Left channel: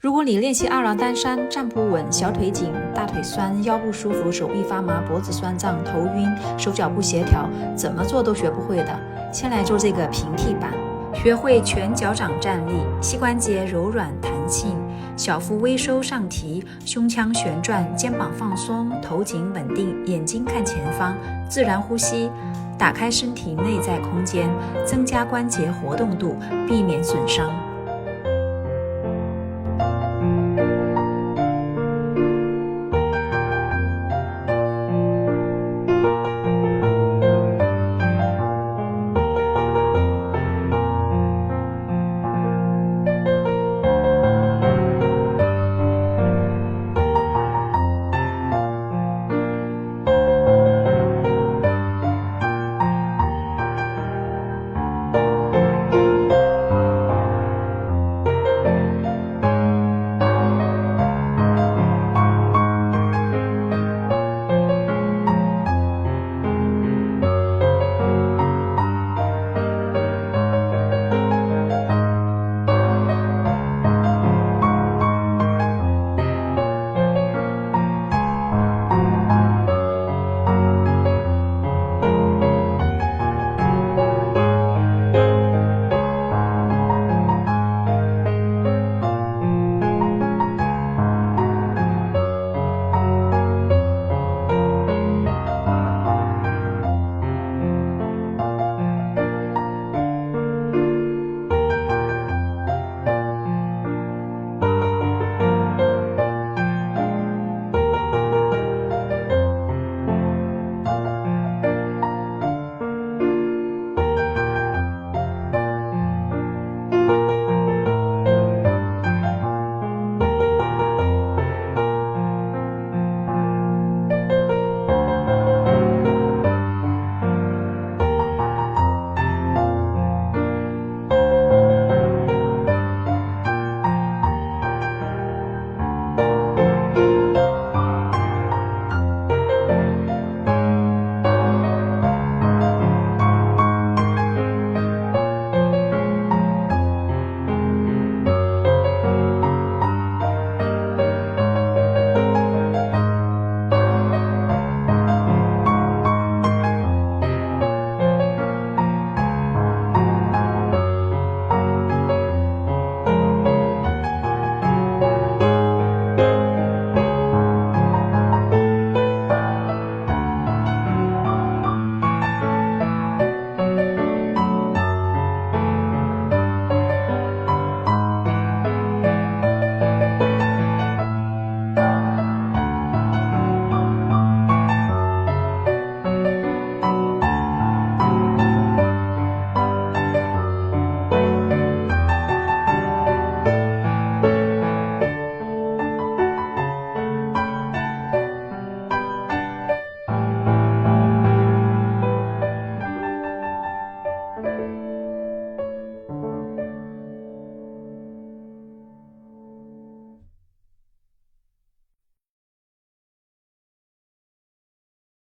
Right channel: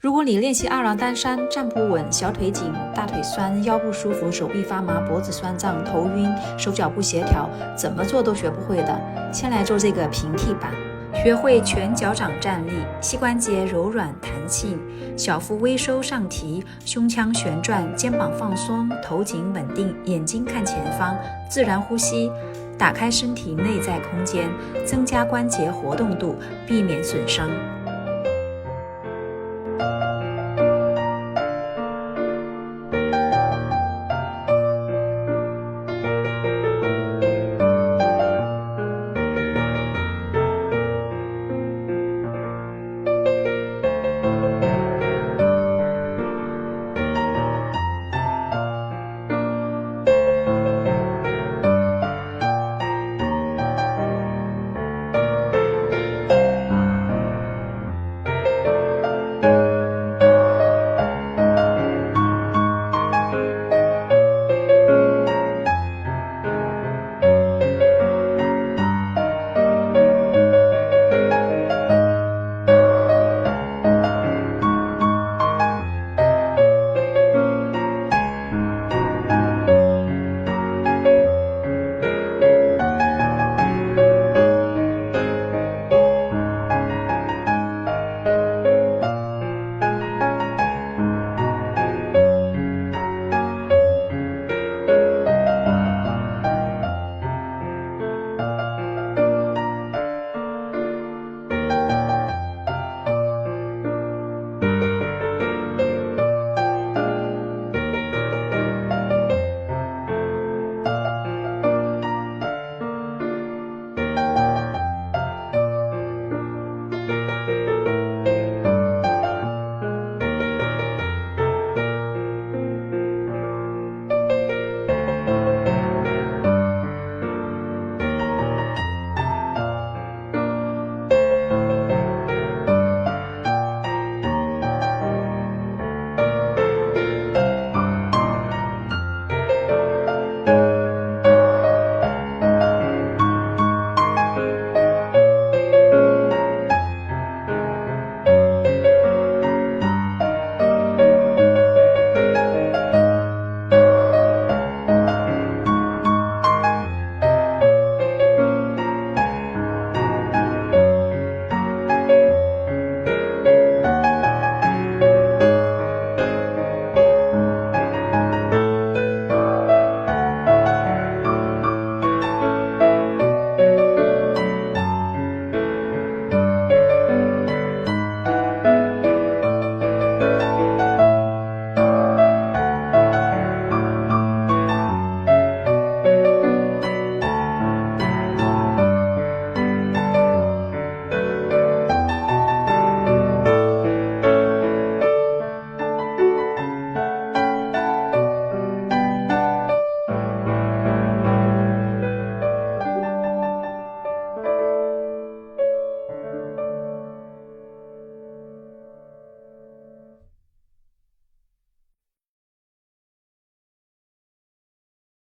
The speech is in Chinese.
如果你练习二郎单山站不稳，小腿紧，大腿酸，腰部舒服，手臂发麻，脖子酸胀，头晕，手脚不协调，怎么做都学不会的，先来做这个平替版。学会全脚掌站立，膝关节柔软弹性，小腹微收上提，胸腔旋转，肩膀放松，头颈稳定，眼睛看前方，自然呼吸，打开身体内在空间，增加关节活动度，避免损伤。